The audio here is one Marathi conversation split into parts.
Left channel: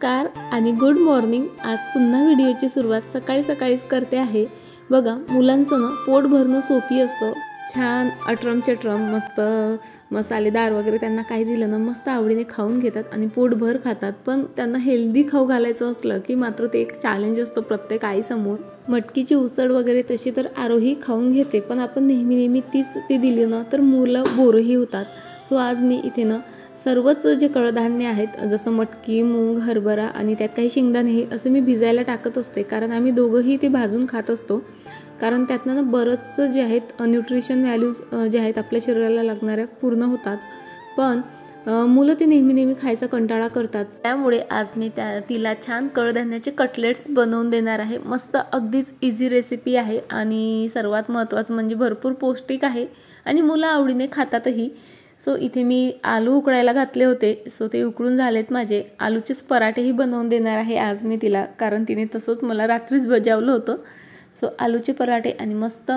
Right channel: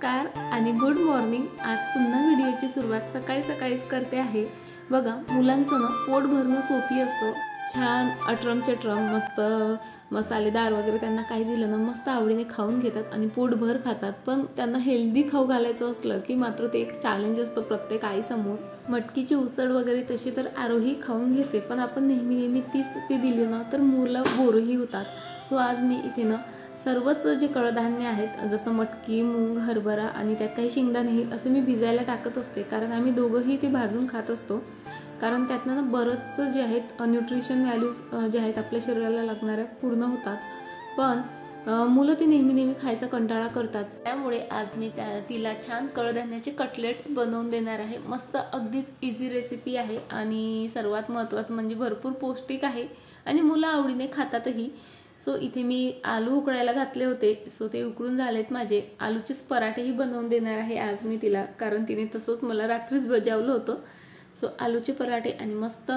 नमस्कार आणि गुड मॉर्निंग। आज पुन्हा व्हिडिओची सुरुवात सकाळी सकाळीच करते आहे। बघा, मुलांचं ना पोट भरणं सोपी असतं। छान अटरम चटरम मस्त मसालेदार वगैरे त्यांना काही दिलं ना मस्त आवडीने खाऊन घेतात आणि पोटभर खातात। पण त्यांना हेल्दी खाऊ घालायचं असलं की मात्र ते एक चॅलेंज असतं प्रत्येक आईसमोर। मटकीची उसळ वगैरे तशी तर आरोही खाऊन घेते, पण आपण नेहमी तीच ती दिली ना तर मुलं बोरही होतात। सो आज मी इथे ना सर्वच जे कडधान्य आहेत जसं मटकी, मूग, हरभरा आणि त्यात काही शेंगदाणे असे मी भिजायला टाकत असते, कारण आम्ही दोघंही ते भाजून खात असतो। कारण त्यातनं ना बरंच जे आहेत न्यूट्रिशन व्हॅल्यूज जे आहेत आपल्या शरीराला लागणाऱ्या पूर्ण होतात। पण मुलं ते नेहमी खायचा कंटाळा करतात। त्यामुळे आज मी तिला छान कडधान्याचे कटलेट्स बनवून देणार आहे। मस्त अगदीच इझी रेसिपी आहे आणि सर्वात महत्त्वाचं म्हणजे भरपूर पौष्टिक आहे आणि मुलं आवडीने खातातही। सो इथे मी आलू उकळायला घातले होते, सो ते उकळून झालेत माझे। आलूचेच पराठेही बनवून देणार आहे आज मी तिला, कारण तिने तसंच मला रात्रीच बजावलं होतं। सो आलूचे पराठे आणि मस्त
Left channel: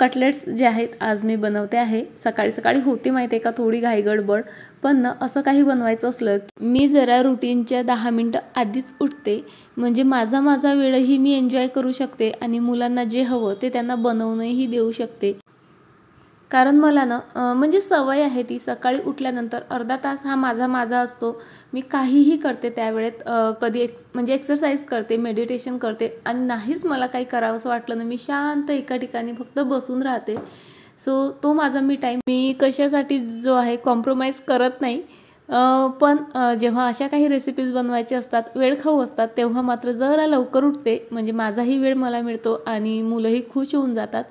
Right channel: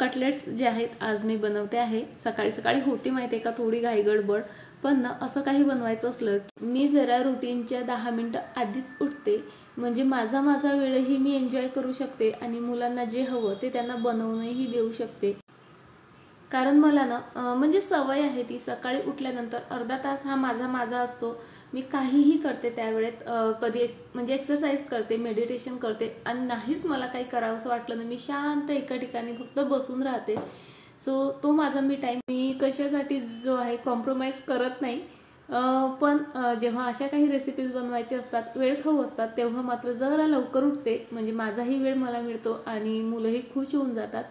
कटलेट्स जे आहेत आज मी बनवते आहे। सकाळी सकाळी होती माहिती आहे का थोडी घाई गडबड, पण ना असं काही बनवायचं असलं मी जरा रुटीनच्या 10 मिनिटं आधीच उठते, म्हणजे माझा वेळही मी एन्जॉय करू शकते आणि मुलांना जे हवं ते त्यांना बनवूनही देऊ शकते। कारण मला ना म्हणजे सवय आहे ती, सकाळी उठल्यानंतर अर्धा तास हा माझा असतो। मी काहीही करते त्यावेळेत, कधी म्हणजे एक्सरसाइज करते, मेडिटेशन करते आणि नाहीच मला काही करावंसं वाटलं ना मी शांत एका ठिकाणी फक्त बसून राहते। सो तो माझा मी टाईम मी कशासाठी जो आहे कॉम्प्रोमाइज करत नाही। पण जेव्हा अशा काही रेसिपीज बनवायच्या असतात, वेळखाऊ असतात, तेव्हा मात्र जरा लवकर उठते, म्हणजे माझाही वेळ मला मिळतो आणि मुलंही खुश होऊन जातात।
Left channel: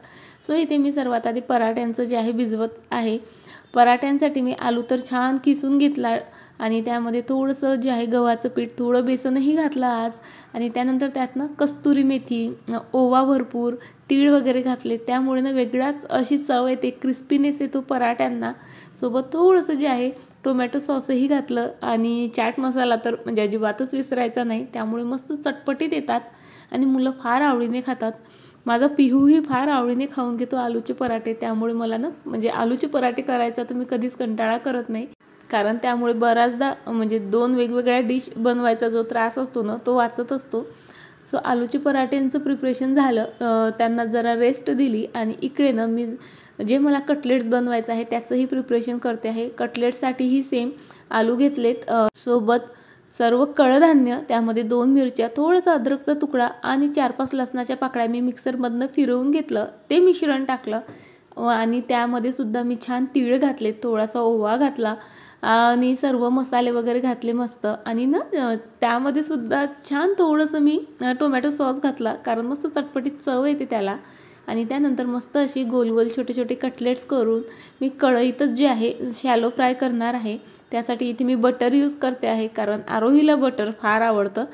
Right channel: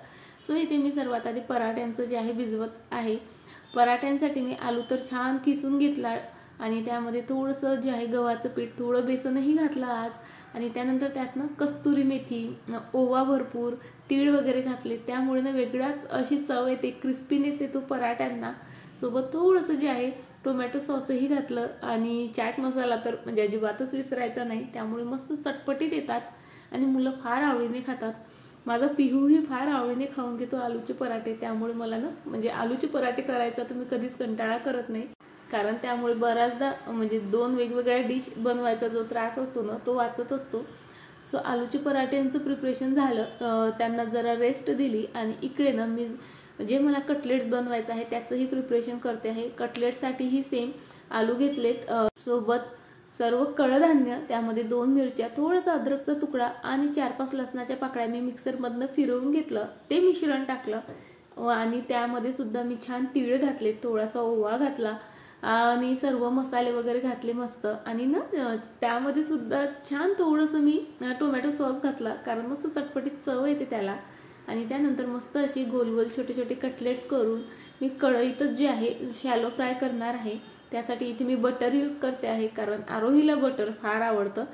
सो इथे मी सर्वात आधी पराठ्यांचं जे आहे भिजवत आहे। पराठ्यांसाठी मी आलू तर छान किसून घेतला आणि त्यामध्ये थोडंसं जे आहे गव्हाचं पीठ, थोडं बेसनही घातलं आज आणि त्यानंतर त्यातनं कस्तुरी मेथी, ओवा भरपूर, तीळ वगैरे घातले, त्यामुळे ना वेगळाच अशी चव येते, क्रिस्पीनेस येतो पराठ्यांना। सोबत थोडंसं जे आहे टोमॅटो सॉसही घातलं आणि चाट मसाला तर म्हणजे अजिबातच विसरायचा नाही, त्यामुळे मस्त चटपटीत येतात आणि मुलं फार आवडीने खातात। माझा पिहूही फार आवडीने खाऊन घेतो आलूचे पराठे, त्यामुळे मला ना म्हणजे आलूचे पराठे करायचा तर मी कधीच कंटाळा करत नाही, कारण त्यामुळे बऱ्याचदा म्हणजे 2 वेगवेगळ्या डिश बनवायचा जो त्रास असतो ना तो वाचत असतो। सो आलूचे पराठ्यांचं प्रिपरेशन झालं, त्यांना जरा रेस्ट दिली आणि इकडे ना मी जे मला कटलेट्स बनवायचं आहे त्याचंही प्रिपरेशन करते आहे। कटलेट्ससाठीही सेम आलू घेतलेत, सोबत सर्व कडधान्य, त्यामध्ये 2 मिरच्या, थोडंसं अद्रकचा तुकडा आणि 4-5 लसणाच्या पाकळ्या मी मिक्सरमधनं फिरवून घेतलं, ते मिश्रण टाकलं आणि त्यामध्ये सुद्धा मी छान तीळ घातले, थोडासा ओवा घातला आणि सर्व मसाले वगैरे घातले मस्त। आणि ना त्यामध्ये सुद्धा छान थोडंसं मी टोमॅटो सॉस घातला, कारण मस्त चटपटीत चव येते त्याला। आणि त्यानंतर मस्त अशी गोल छोटे कटलेट्स करून मी कढईतच जे आहे शॅलो फ्राय करणार आहे। त्यासाठी इथे मी बटर यूज करते आहे, कारण आरोहीला बटर फार आवडतं,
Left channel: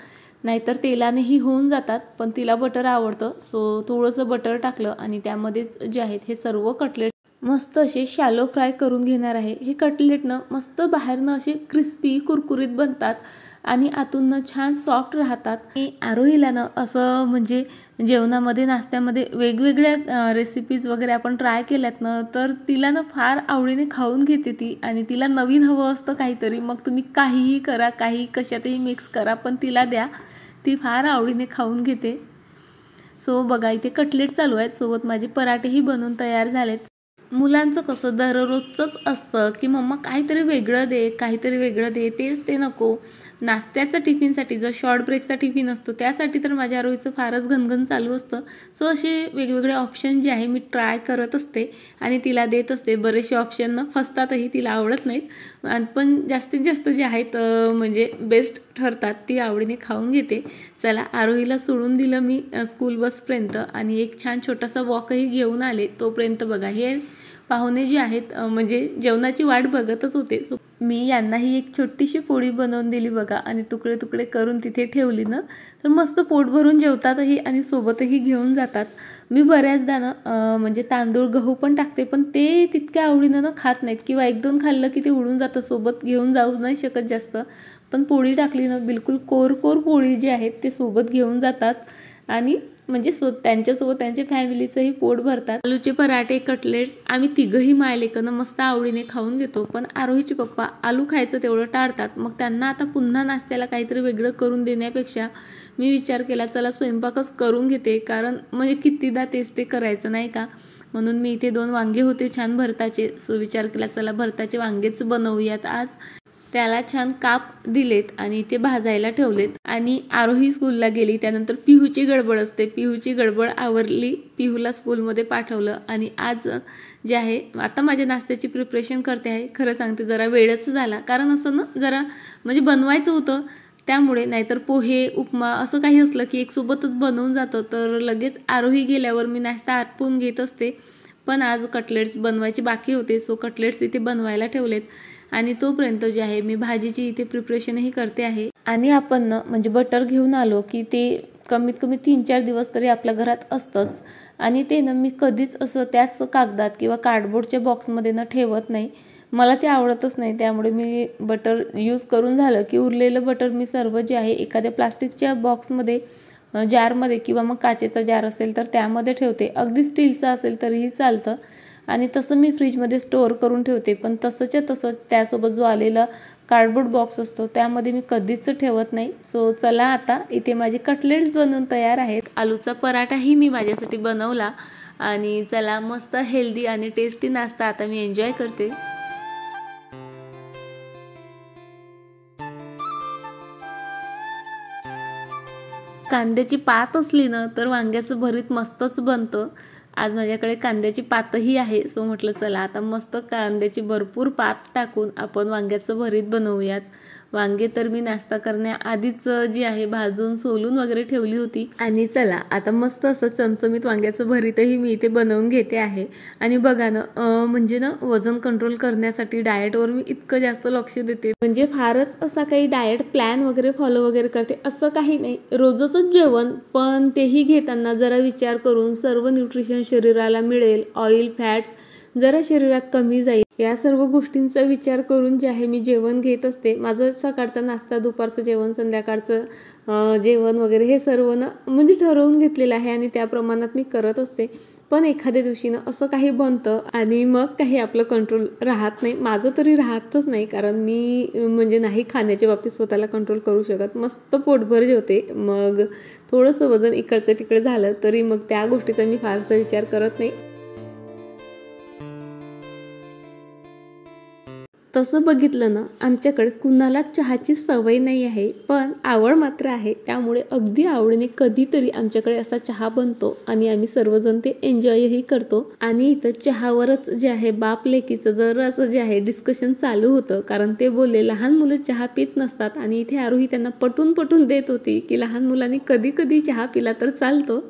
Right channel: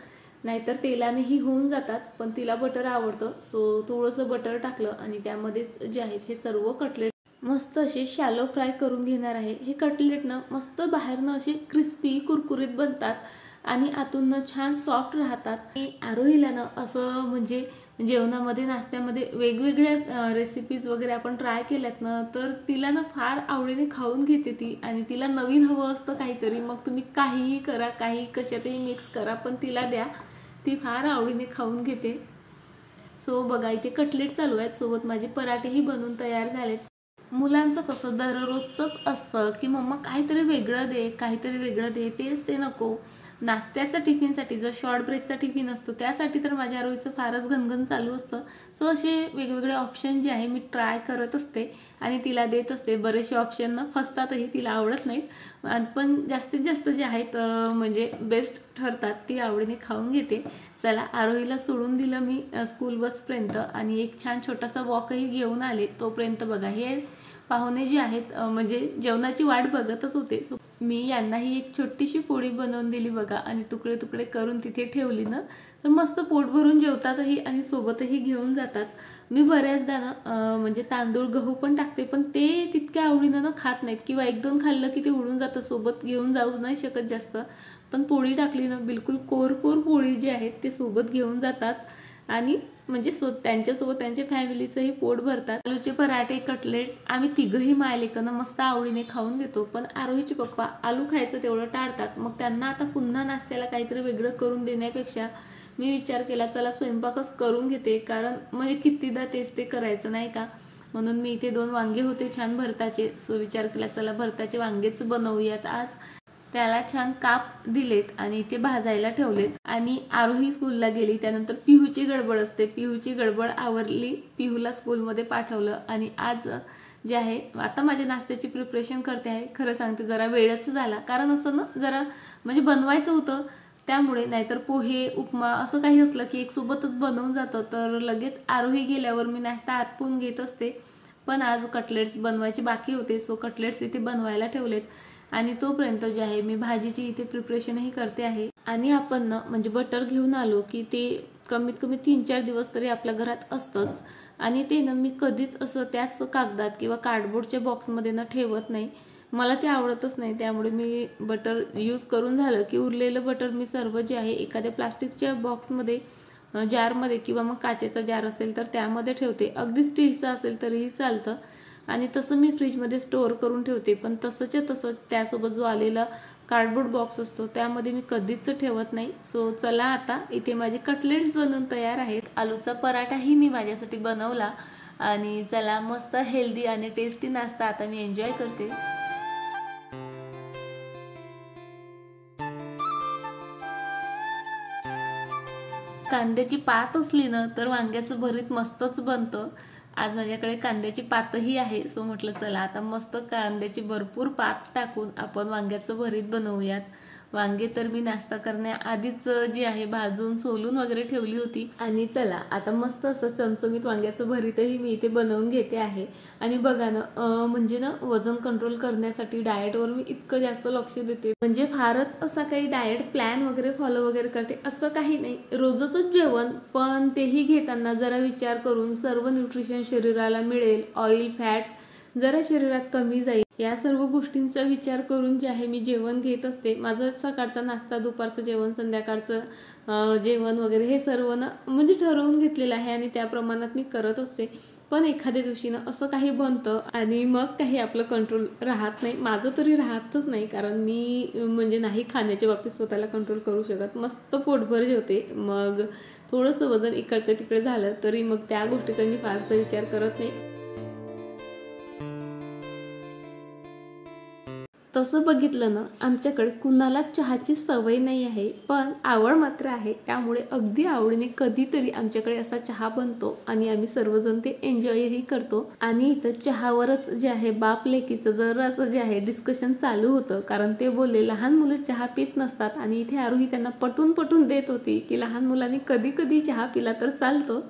नाहीतर तेलानेही होऊन जातात, पण तिला बटर आवडतं। सो थोडंसं बटर टाकलं आणि त्यामध्येच जे आहेत हे सर्व कटलेट मस्त असे शॅलो फ्राय करून घेणार आहे। हे कटलेट ना मस्त बाहेरनं असे क्रिस्पी कुरकुरीत बनतात आणि आतून छान सॉफ्ट राहतात। मी आरोहीला ना असं म्हणजे जेवणामध्ये नाश्त्यामध्ये वेगवेगळ्या रेसिपीज वगैरे आपण ट्राय केल्यात ना तर तिला ना फार आवडीने खाऊन घेते ती, आणि तिला नवीन हवं असतं काहीतरी, मग तुम्ही काहीही करा, काही कशातही मिक्स करा, पण तिला द्या, ती फार आवडीने खाऊन घेते। सो बघा इथे कटलेट चालू आहेत, सोबत माझे पराठेही बनवून तयार झालेत। मुलांचं कसं दररोजच असतं की मम्मा काहीतरी वेगळं दे, तेच ते नको। नाश्त्याचा टिफिनसाठी जो शॉर्ट ब्रेकचा टिफिन असतो त्यासाठी तर माझ्या आरोहीचं फारच घनघन चालू असतं। सो असे वेगवेगळे ऑप्शन जे आहे मी ट्राय करत असते आणि तिला देत असते। बरेचसे ऑप्शन ना फसतातही, तिला आवडत नाहीत, पण जास्तीत जास्त जे आहेत म्हणजे बेस्ट ठरतात, ती आवडीने खाऊन घेते। चला, आरोहीला सोडून दिलं मी स्कूल बसपर्यंत आणि एक छान छोटासा वॉकही घेऊन आले। तोपर्यंत बघा हे पाहुणे जे आहेत म्हणजे जेवणाची वाट बघतच होते। सो मी यांनाही एक छोटीशी पोळी बनवून दिली बघा आणि तुकडे करून तिथे ठेवली ना तर मस्त पोट भरून जेवतातही आणि सोबतही घेऊन जातात। मी बऱ्याचदा ना म्हणजे तांदूळ गहू पण टाकते, पण ते तितक्या आवडीनं ना खात नाहीत, किंवा 1-2 खाल्लं की ते उडून जातं, सोबत घेऊन जाऊ नाही शकत जास्त। पण पोळी टाकली ना बिलकुल कोर पोळी जी आहेत ते सोबत घेऊन जातात आणि म्हणजे त्यांच्यासोबत त्यांच्या फॅमिलीचंही पोट भरतात. आलूचे पराठे, कटलेट्स आम्ही तिघंही मायलेकनं मस्त आवडीने खाऊन घेतो. पण आरोहीचे पप्पा आलू खायचं तेवढं टाळतात. मग त्यांना आता पुन्हा नाश्त्याला काहीतरी वेगळं करून देण्यापेक्षा मी विचार केला चला स्वयंपाकच करून घेते, कारण म्हणजे कितीदा तेच ते करायचं नाही का. म्हणून मी इथे 2 वांगे होते छान भरताचे, सो विचार केला चला भरताचे वांगेच बनवूयात आज. त्याला छान काप दिलेत आणि ते भाजायला ठेवलेत. आणि आरोही स्कूलला गेली, त्यानंतर पिहूची गडबड असते. पिहूची गडबड आवरली, पिहूला स्कूलमध्ये पाठवलं. आणि आज जे आहे आता माझ्या नाश्त्याची प्रिपरेशन करते आहे. खरं सांगते जरा वेळच झाला, कारण असं ना जरा म्हणजे बनवायचं होतं त्यामुळे. नाहीतर पोहे, उपमा असं काही असलं की एक सोबतच बनवून जातं, तर लगेच आरोही गेल्यावर मी नाश्ता आटपून घेत असते. पण आज कटलेट्स बनवायचे बाकी होते, सो कटलेट्स इथे बनवायला ठेवलेत. आणि तोपर्यंत जे आहे मी भाजीची इथे प्रिपरेशनही करते आहे. आणि आपण ना म्हणजे बटर घेऊन आलो की ते कमीत कमी 3-4 दिवस तरी आपल्या घरात असतंच. आणि ते ना मी कधीच असं त्याच कागदात किंवा कार्डबोर्डच्या बॉक्समध्ये ना ठेवत नाही, मला ते आवडतच नाही. त्यामुळे मी बटर यूज करून झालं की उरलेलं बटर मी सर्व जे आहे एखाद्या प्लास्टिकच्या बॉक्समध्ये, जारमध्ये किंवा मग काचेचा जार असेल तर त्यामध्ये ठेवते. अगदी स्टीलचा असेल तरीही चालतं. आणि तसं मी फ्रीजमध्ये स्टोअर करून ठेवते. पण तसंच्या तसं त्यासोबत जो आलेला कार्डबोर्ड बॉक्स असतो त्यामध्ये मी कधीच ठेवत नाही. सो चला आता इथे माझे कटलेट्स बनवून तयार आहेत. आलूचा पराठाही मी माझ्यासाठी बनवला. आणि चला मस्त हेल्दी आणि टेस्टी नाश्ता आता मी एन्जॉय करते. कांद्याची पात असली ना तर वांग्याचं भरीत मस्तच बनतं. आज माझ्याकडे कांद्याची पातही आहे, सो म्हटलं चला आता मस्त कांद्याची भरपूर पात टाकून आपण वांग्याचं भरीत बनवूयात. वांगे तर मी नाश्ता करण्याआधीच जी आहे भाजून सोलून वगैरे ठेवली होती. आणि चला आता मस्त असं चमचमीत वांग्याचं भरीतही मी इथे बनवून घेते आहे. आणि बघा ना म्हणजे ना वजन कंट्रोल करण्यासाठी डाएटवर मी इतकं जास्त लक्ष देते, म्हणजे फारच असा काही डाएट प्लॅन वगैरे फॉलो वगैरे करते असं काही नाही. रोजच जेवण, पण तेही घेताना जरा विचार करून सर्व न्यूट्रिशन शरीराला मिळेल, ऑइल फॅट्स जरा शरीरात कमी जाईल, या सर्व गोष्टींचा विचार करून जे आहे मी जेवण घेत असते. माझं सकाळचा नाश्ता, दुपारचं जेवण, संध्याकाळचं जेवण वगैरे हे सर्व ना म्हणजे ठरवून घेतलेलं आहे आणि त्या प्रमाणात मी करत असते. पण एखाद्या दिवशी ना असं काही बनतं आणि मग काही आपलं कंट्रोल राहत नाही. माझं तरी राहतच नाही, कारण मी म्हणजे नाही खाण्याच्या बाबतीत स्वतःला कंट्रोल करू शकत. मस्त पोटभर जेवते, मग थोडंसं वजन इकडचं तिकडे झालं तरी मग त्या गोष्टीचा मी फारसा विचार करत नाही. तसं बघितलं ना आमच्याकडे कुणाला चहाची सवय नाही आहे, पण आवड मात्र आहे. त्यामुळे अगदी आवडीने कधीतरी आमच्याकडे असा चहा बनतो आणि आम्ही सर्वजण ते एन्जॉयही करतो. आणि इथं चहावरच जे आहे बाप लेकीचं जरासं जे आहे डिस्कशन चालू होतं, कारण ते बोलले लहान मुलं चहा पित नसतात. आणि इथे आरोही त्यांना पटून देत होती की लहान मुलांनी कधी कधी चहा पिला तर चालतो.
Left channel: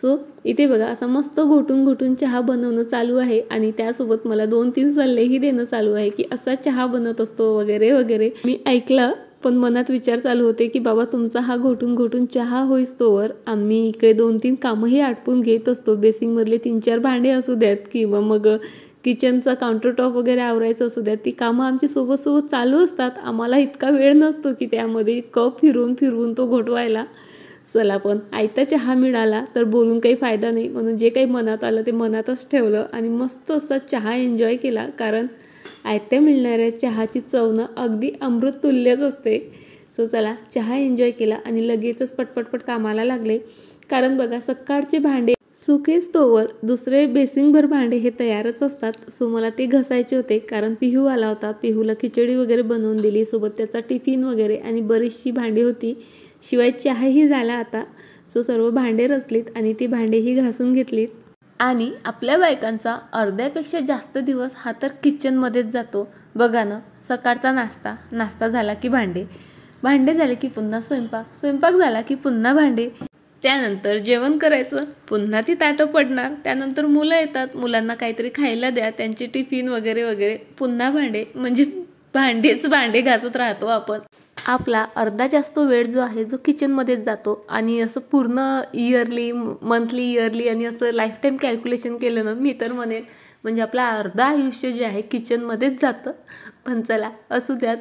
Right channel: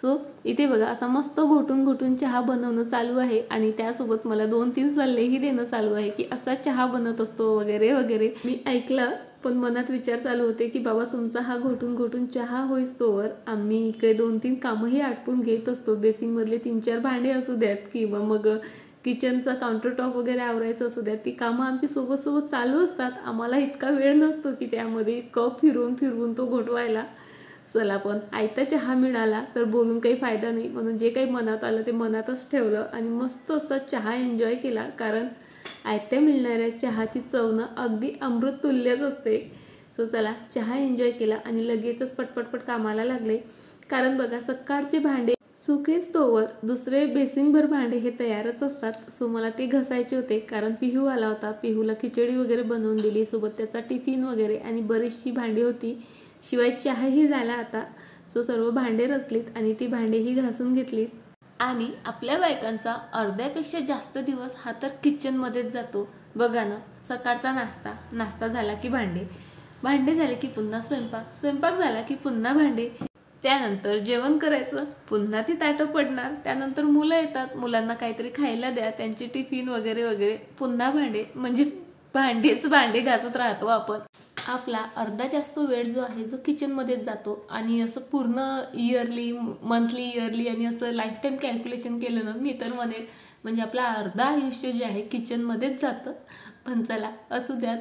सो इथे बघा असा मस्त घोटून चहा बनवणं चालू आहे. आणि त्यासोबत मला 2-3 सल्लेही देणं चालू आहे की असा चहा बनत असतो वगैरे वगैरे. मी ऐकलं, पण मनात विचार चालू होते की बाबा तुमचा हा घोटून चहा होईस्तोवर आम्ही इकडे 2-3 कामंही आटपून घेत असतो. बेसिंगमधले 3-4 भांडे असू द्यात किंवा मग किचनचा काउंटर टॉप वगैरे आवरायचं असू द्यात, ती कामं आमची सोबत चालू असतात. आम्हाला इतका वेळ नसतो की त्यामध्ये कप फिरवून तो घोटवायला. चला पण आयता चहा मिळाला तर बोलून काही फायदा नाही, म्हणून जे काही मनात आलं ते मनातच ठेवलं आणि मस्त असा चहा एन्जॉय केला. कारण आयत्या मिळणाऱ्या चहाची चवनं अगदी अमृत तुल्यच असते. सो चला चहा एन्जॉय केला आणि लगेचच पटपट कामाला लागले. कारण बघा सकाळचे भांडे सुकेच तोवर दुसरे बेसिंगभर भांडे हे तयारच असतात. सो मला ते घासायचे होते, कारण पिहू आला होता. पिहूला खिचडी वगैरे बनवून दिली, सोबत त्याचा टिफिन वगैरे आणि बरीचशी भांडी होती. शिवाय चहाही झाला आता. सो सर्व भांडे रचलीत आणि ती भांडेही घासून घेतलीत. आणि आपल्या बायकांचा अर्ध्यापेक्षा जास्त दिवस हा तर किचनमध्येच जातो. बघा ना, सकाळचा नाश्ता झाला की भांडे झाले की पुन्हा स्वयंपाक झाला की पुन्हा भांडे, त्यानंतर जेवण करायचं, पुन्हा ती ताटं पडणार, त्यानंतर मुलं येतात, मुलांना काहीतरी खायला द्या, त्यांचे टिफिन वगैरे पुन्हा भांडे, म्हणजे भांडे घासत राहतो आपण. आपला अर्धा जास्त वेळ जो आहे जो किचनमध्येच जातो. आणि असं पूर्ण मंथली इयरली आणि असं लाईफ टाईम कॅल्क्युलेशन केलं ना, मी तर म्हणेन म्हणजे आपलं अर्धा आयुष्य जे आहे किचनमध्येच जातं. पण चला असू द्यात.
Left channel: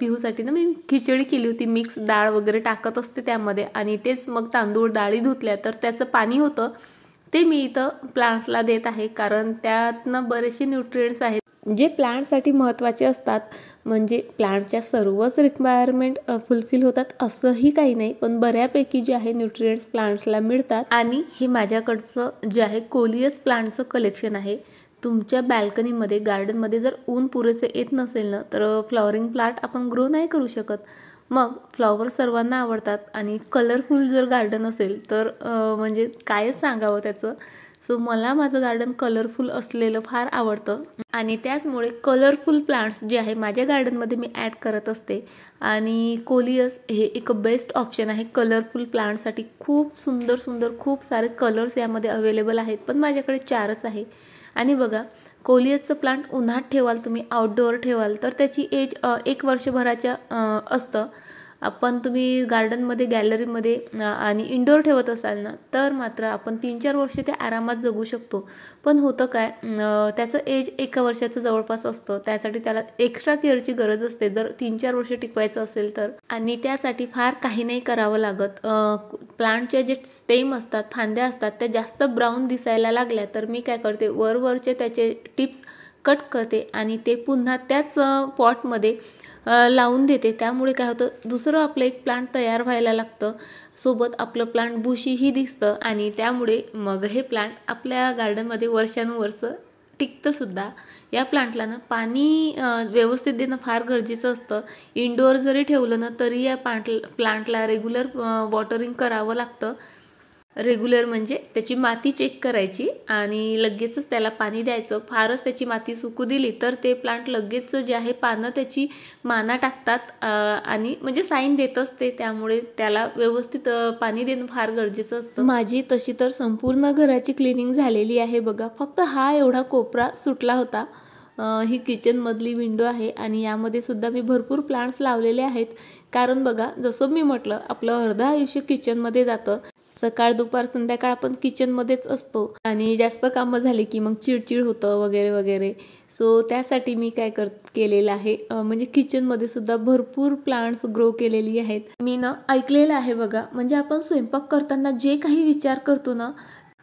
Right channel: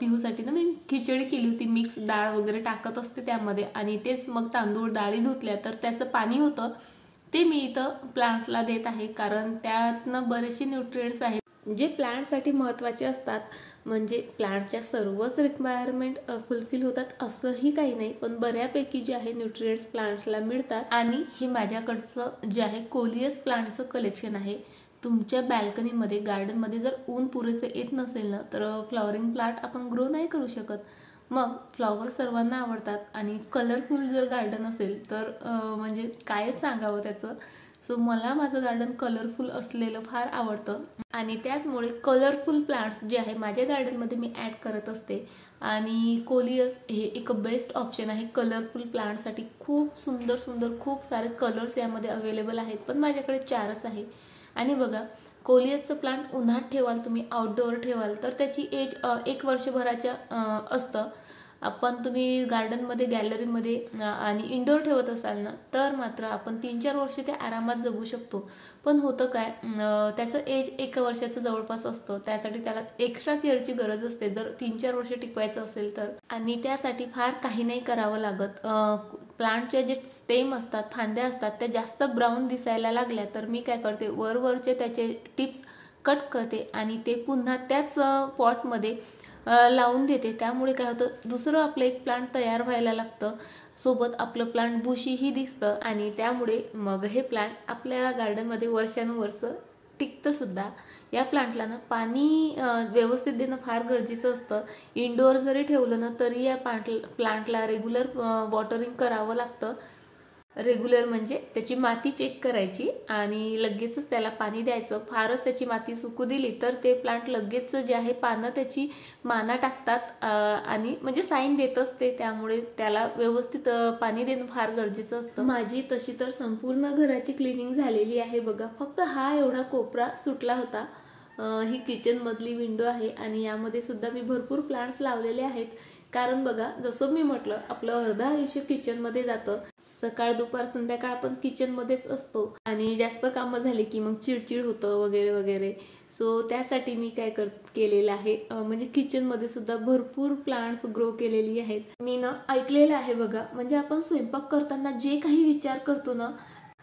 पिहूसाठी ना मी खिचडी केली होती, मिक्स डाळ वगैरे टाकत असते त्यामध्ये, आणि तेच मग तांदूळ डाळी धुतल्या तर त्याचं पाणी होतं ते मी इथं प्लांट्सला देत आहे, कारण त्यातनं बरेचसे न्यूट्रिएंट्स आहेत जे प्लांटसाठी महत्त्वाचे असतात. म्हणजे प्लांटच्या सर्वच रिक्वायरमेंट फुलफिल होतात असंही काही नाही, पण बऱ्यापैकी जे आहे न्यूट्रिएंट्स प्लांट्सला मिळतात. आणि हे माझ्याकडचं जे आहे कोलियस प्लांटचं कलेक्शन आहे. तुमच्या बॅल्कनीमध्ये गार्डनमध्ये जर ऊन पुरेसे येत नसेल ना, तर फ्लॉवरिंग प्लांट आपण ग्रो नाही करू शकत. मग फ्लॉवर सर्वांना आवडतात आणि कलरफुल जर गार्डन असेल तर म्हणजे काय सांगावं त्याचं. सो मला माझं गार्डन कलरफुल असलेलं फार आवडतं, आणि त्याचमुळे कलरफुल प्लांट्स जे आहे माझ्या गार्डनमध्ये मी ॲड करत असते. आणि कोलियस हे एक बेस्ट ऑप्शन आहे कलरफुल प्लांट्ससाठी. खूप सुंदर सुंदर खूप सारे कलर्स यामध्ये अवेलेबल आहेत, पण माझ्याकडे 4च आहे. आणि बघा, कोलियसचं प्लांट उन्हात ठेवाल तुम्ही, आउटडोअर ठेवाल तर त्याची एज 1 वर्षभराच्या असतं. आपण तुम्ही गार्डनमध्ये, गॅलरीमध्ये आणि इंडोर ठेवत असाल ना, तर मात्र आपण 3-4 वर्ष ते आरामात जगू शकतो. पण होतं काय, त्याचं एज 1 वर्षाचं जवळपास असतं. त्यासाठी त्याला एक्स्ट्रा केअरची गरज असते जर 3-4 वर्ष टिकवायचं असेल तर. आणि त्यासाठी फार काही नाही करावं लागत. प्लांटचे जे स्टेम असतात, फांद्या असतात, त्या जास्त ब्राऊन दिसायला लागल्या तर मी काय करते, वरवरचे त्याचे टिप्स कट करते आणि ते पुन्हा त्याच पॉटमध्ये लावून देते. त्यामुळे काय होतं, दुसरं आपलं एक प्लांट तयार व्हायला लागतं, सोबत आपलं प्लांट बुशीही दिसतं, आणि त्यामुळे मग हे प्लांट आपल्या गार्डनमध्ये वर्षानुवर्ष टिकतं सुद्धा. या प्लांटला ना पाणी व्यवस्थित देणं फार गरजेचं असतं. इंडोअर जरी ठेवलं ना तरी या प्लांटला रेग्युलर वॉटरिंग करावं लागतं. रेग्युलर म्हणजे त्याची माती चेक करायची आणि लगेचच त्याला पाणी द्यायचं. फारच त्याची माती सुकू दिली तर ते प्लांट लगेच जे आहे पानं त्याची माना टाकतात आणि म्हणजे साईन देत असते. त्यामुळे त्याला व्यवस्थित पाणी देणं फार गरजेचं असतं. माझी तशी तर संपूर्ण घराची क्लिनिंग झालेली आहे बघा. फक्त हा एवढा कोपरा सुटला होता. ही किचनमधली विंडो आहे आणि यामध्ये सुद्धा मी भरपूर प्लांट्स लावलेले आहेत. कारण बघा, जसं मी म्हटलं, आपलं अर्ध आयुष्य किचनमध्ये जातं. सकाळ दुपार संध्याकाळ आपण किचनमध्येच असतो आणि जास्त कामं झाली की मग चिडचिड होतं वगैरे वगैरे. सो त्यासाठी मी काय केलेलं आहे, म्हणजे किचनमध्ये सुद्धा भरपूर प्लांट्स ग्रो केलेली आहेत. मी ना ऐकलेलं आहे बघा, म्हणजे आपण स्वयंपाक करताना जे काही विचार करतो ना,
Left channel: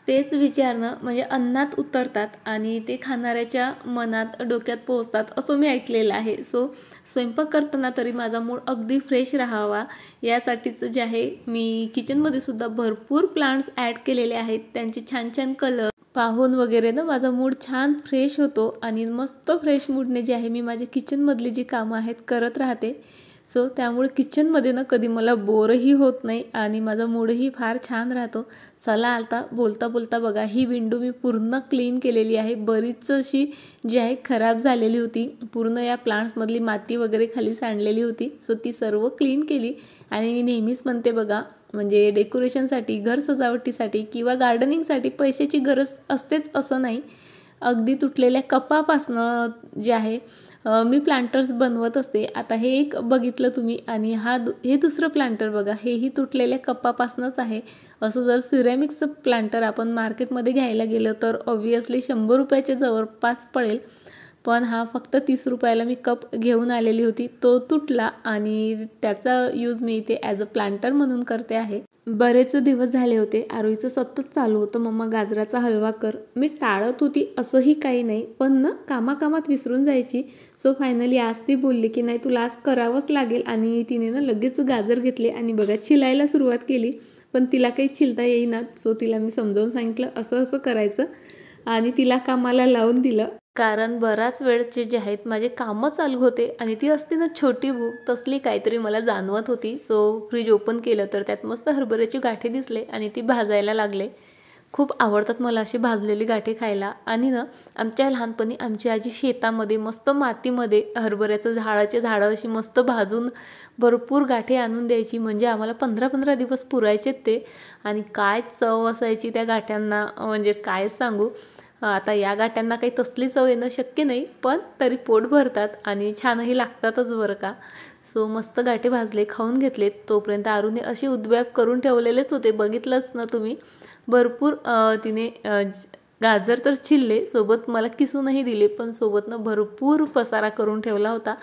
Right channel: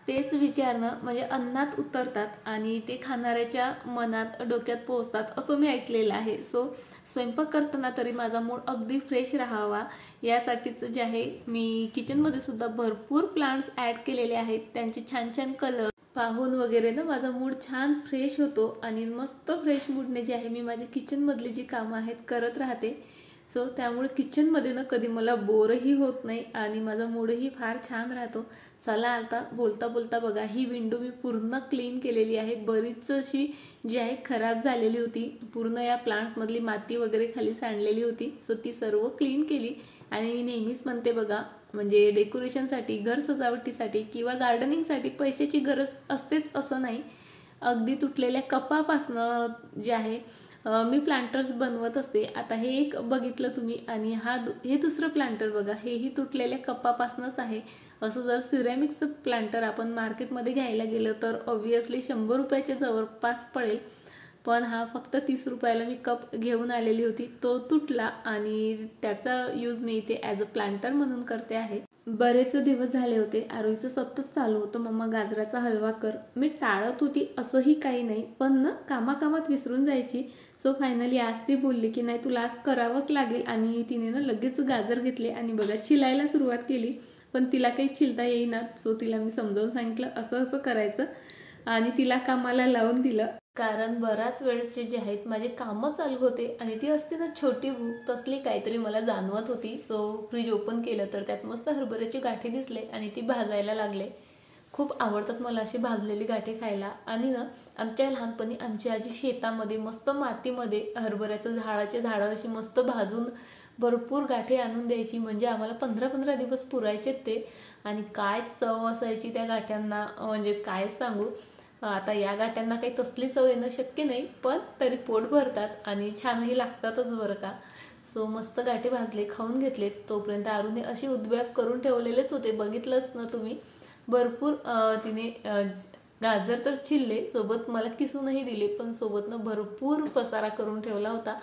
तेच विचार ना म्हणजे अन्नात उतरतात आणि ते खाणाऱ्याच्या मनात, डोक्यात पोहोचतात असं मी ऐकलेलं आहे. सो स्वयंपाक करताना तरी माझा मूड अगदी फ्रेश राहावा यासाठीच जे आहे मी किचनमध्ये सुद्धा भरपूर प्लांट्स ॲड केलेले आहेत. त्यांचे छान छान कलर पाहून वगैरे ना माझा मूड छान फ्रेश होतो आणि मस्त फ्रेश मूडने जे आहे मी माझ्या किचनमधली जी कामं आहेत करत राहते. सो त्यामुळे किचनमध्ये ना कधी मला बोरही होत नाही आणि माझा मूडही फार छान राहतो. चला आता बोलता बोलता बघा, ही विंडो मी पूर्ण क्लीन केलेली आहे. बरीच अशी जी आहे खराब झालेली होती, पूर्ण या प्लांट्समधली माती वगैरे खाली सांडलेली होती. सो ती सर्व क्लीन केली. आणि मी नेहमीच म्हणते बघा, म्हणजे डेकोरेशनसाठी, घर सजावटीसाठी किंवा गार्डनिंगसाठी पैशाची गरज असतेच असं नाही. अगदी तुटलेल्या कपापासनं जे आहे मी प्लांटर्स बनवत असते. आता हे एक बघितलं तुम्ही, आणि हे दुसरं प्लांटर बघा, हेही तुटलेल्या कपापासनंच आहे. असं जर सिरॅमिक्सचं प्लांटर आपण मार्केटमध्ये घ्यायला गेलं तर ऑब्व्हियसली 100 रुपयाच्या जवळपास पडेल. पण हा फक्त 30 रुपयाला मी कप घेऊन आलेली होती. तो तुटला आणि त्याचा यूज मी इथे ॲज अ प्लांटर म्हणून करते आहे. बरेच दिवस झाले होते, आरोहीचं सतत चालू होतं, मम्मा गाजराचा हलवा कर. मी टाळत होती असंही काही नाही, पण ना कामाकामात विसरून जायची. सो फायनली आज ती बोलली की नाही, तुला आज करावंच लागेल. आणि तिने ना लगेच गाजर घेतले आणि बघा छिलायला सुरुवात केली. पण तिला काही छिलता येईना. सो तिला मी समजावून सांगितलं असं असं करायचं आणि तिला कामाला लावून दिलं. कारण बराच वेळचे जे आहेत माझे कामं चालू होते आणि ती असते ना छोटी भूक, तसली काहीतरी मला जाणवत होती. सो फ्रीज ओपन केलं तर त्यात मस्त हरभऱ्याची गाठी दिसले आणि ती भाजायला लागले. खूप आवडतात मला अशी भाजलेली गाठी खायला. आणि ना आमच्या लहानपणी आमची आजी शेतामध्ये मस्त मातीमध्ये हरभऱ्याचं झाडं अशी मस्त भाजून भरपूर गाठी आणून द्यायची. म्हणजे आम्हाला 15-15 दिवस पुरायचेत ते. आणि काय चव असायची त्या गाठ्यांना, म्हणजे काय सांगू. आता या गाठ्यांना काही तसली चव येणं शक्य नाही, पण तरी पोट भरतात आणि छानही लागतातच बरं का. सो मस्त गाठी भाजले, खाऊन घेतले. तोपर्यंत आरूने अशी उद्व्याप करून ठेवलेलेच होते, बघितलंच ना तुम्ही. भरपूर तिने गाजर तर चिल्ले, सोबत मला किसूनही दिले, पण सोबतनं भरपूर पसारा करून ठेवला होता.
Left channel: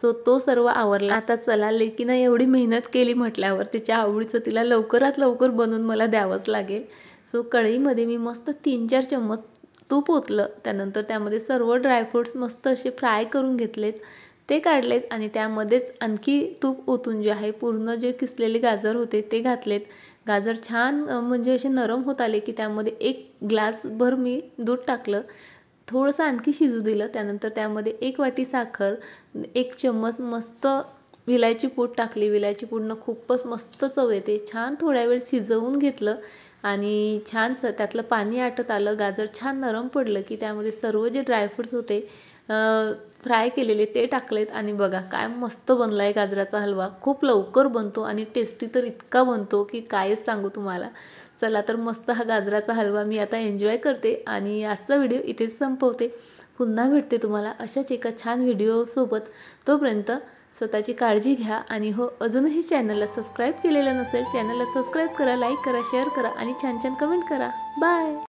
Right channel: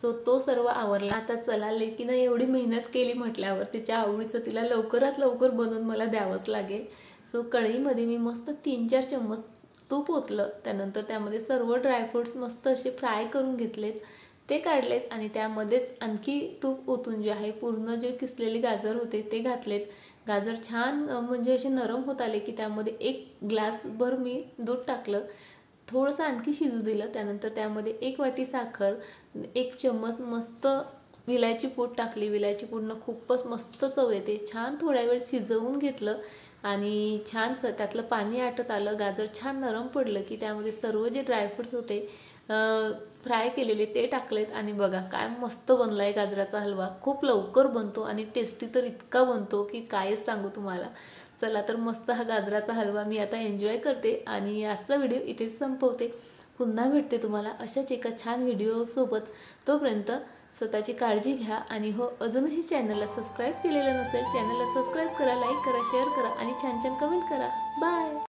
सो तो सर्व आवरला. आता चला, लेकीनं एवढी मेहनत केली म्हटल्यावर तिच्या आवडीचं तिला लवकरात लवकर बनवून मला द्यावंच लागेल. सो कढईमध्ये मी मस्त 3-4 चम्मच तूप ओतलं. त्यानंतर त्यामध्ये सर्व ड्रायफ्रूट्स मस्त असे फ्राय करून घेतलेत, ते काढलेत आणि त्यामध्येच आणखी तूप ओतून जे आहे पूर्ण जे किसलेले गाजर होते ते घातलेत. गाजर छान म्हणजे असे नरम होत आले की त्यामध्ये 1 ग्लासभर मी दूध टाकलं, थोडंसं आणखी शिजू दिलं. त्यानंतर त्यामध्ये 1 वाटी साखर, 1 चम्मच मस्त विलायची पूड टाकली. विलायची पूडनं खूपच मस्त चव येते. छान थोड्या वेळ शिजवून घेतलं आणि छानसं त्यातलं पाणी आटत आलं. गाजर छान नरम पडलं की त्यामध्ये सर्व जे ड्रायफ्रूट्स होते फ्राय केलेले ते टाकलेत आणि बघा काय मस्त बनला आहे गाजराचा हलवा. खूप लवकर बनतो आणि टेस्टी तर इतका बनतो की कायच सांगू तुम्हाला. चला तर मस्त हा गाजराचा हलवा मी आता एन्जॉय करते आणि आजचा व्हिडिओ इथेच संपवते. पुन्हा भेटते तुम्हाला अशाच एका छान व्हिडिओसोबत. तोपर्यंत स्वतःची काळजी घ्या आणि हो, अजूनही चॅनलला सबस्क्राईब केलेलं नसेल, चॅनलला सबस्क्राईब करा, लाईक करा, शेअर करा आणि छान छान कमेंट करा. बाय.